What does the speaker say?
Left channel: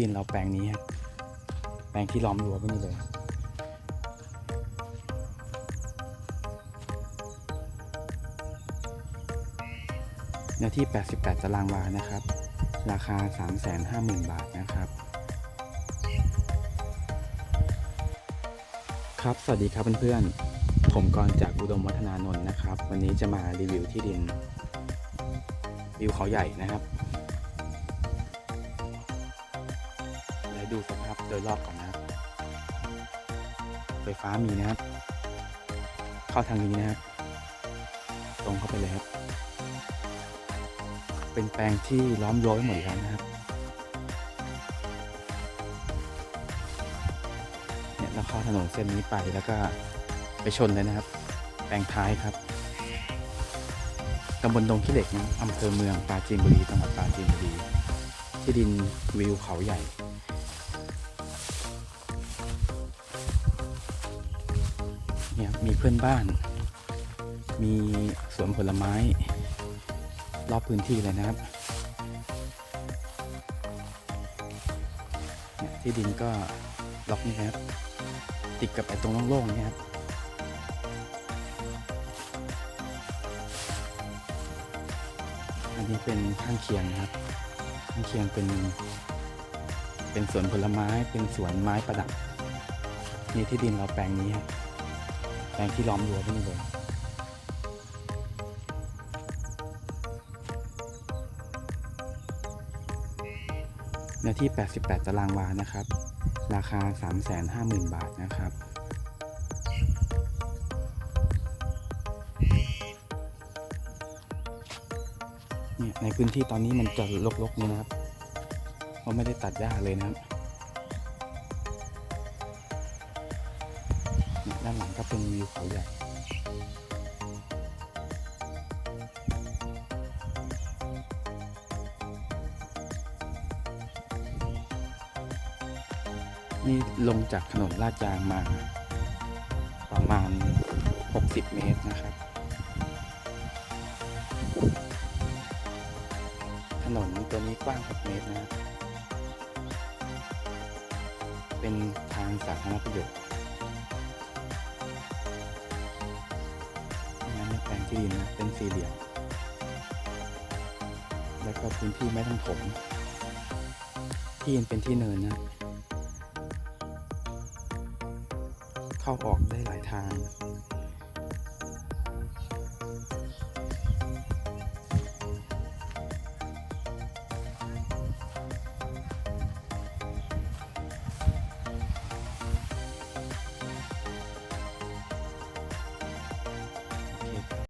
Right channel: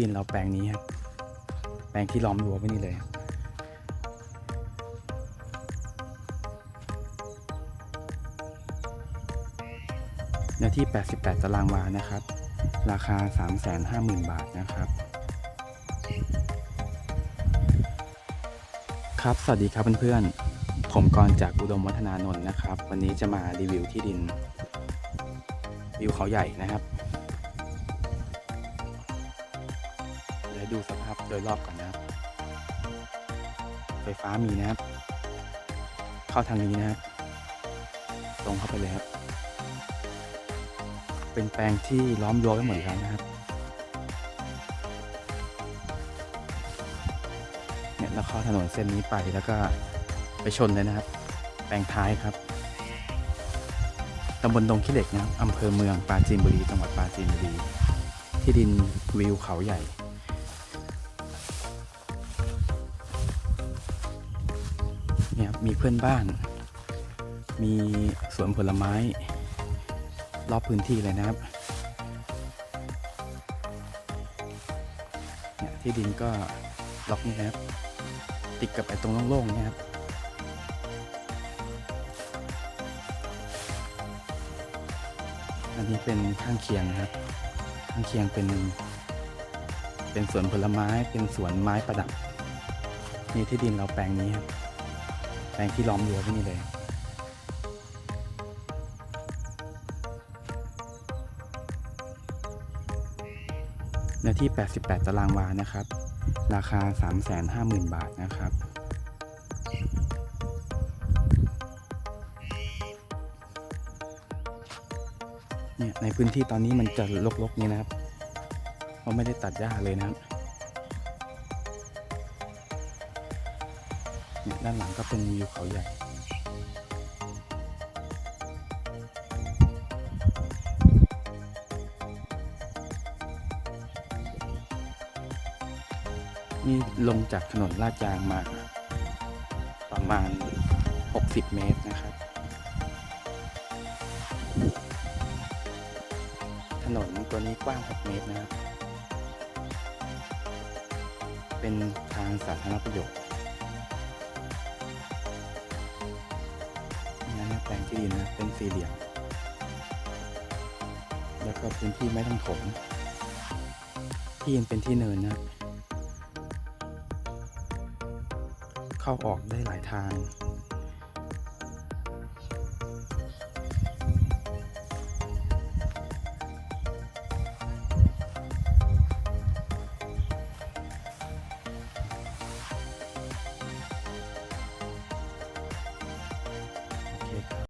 ดินเราแปลงนี้ครับแปลงที่ล้อมรั้วไว้นี่เลย เนื้อที่ 88 ตารางวานะครับ ราคา 350,000 บาทนะครับ ครับ สวัสดีครับเพื่อนๆ ผมกรจากอุดมวัฒนานนท์นะครับ วันนี้จะมารีวิวที่ดินวิวเขาใหญ่นะครับ ดูสภาพโดยรอบก่อนนะครับ ไฟฟ้ามีนะครับ เข้าทางนี้นะครับตรงเข้าไปเลยครับ เป็นแปลงที่ล้อมรั้วไว้หมดแล้วนะครับเนี่ยแล้วเข้าถนนเส้นนี้ไปแล้วก็ไปชนเลยนะครับ แปลงท้ายครับตำบลดงขี้เหล็กนะอำเภอเมืองปราจีนบุรี จังหวัดปราจีนบุรี ที่ดินวิวเขาใหญ่ นี่ครับมีเพื่อนบ้าน มีสวนผลไม้ รอบพื้นที่เลยนะครับเนี่ยที่ดินก็ล็อกนี่นะครับ ติดกับไอ้ตรงโล่งๆนี่ยครับอันนี้เป็นข้างเคียงนะครับ ข้างเคียงเป็น เป็นสวนผลไม้เป็นสวนไม้ประดับนี่ที่ดินเราแปลงนี้ครับ ลงที่ล้อมรั้วไว้นี่เลยเนื้อที่ 88 ตารางวานะครับ ราคา 350,000 บาทนะครับ เนี่ยในพื้นที่ตอนนี้มันจะรกๆนี้นะครับ เพราะไม่ได้ตัดหญ้าเลยนะครับ ด้านหลังก็เป็นวิวเขาใหญ่นี่ลงจากถนนลาดยางมา ประมาณ 60 เมตรนะครับ ถนนตัวนี้กว้าง 6 เมตรนะครับ เป็นทางสาธารณประโยชน์ นั้นแปลงที่ดินนะเป็นสี่เหลี่ยม แล้วก็พื้นที่ไม่ต้องถมที่ยังเป็นที่เนินนะ เข้าออกได้หลายทาง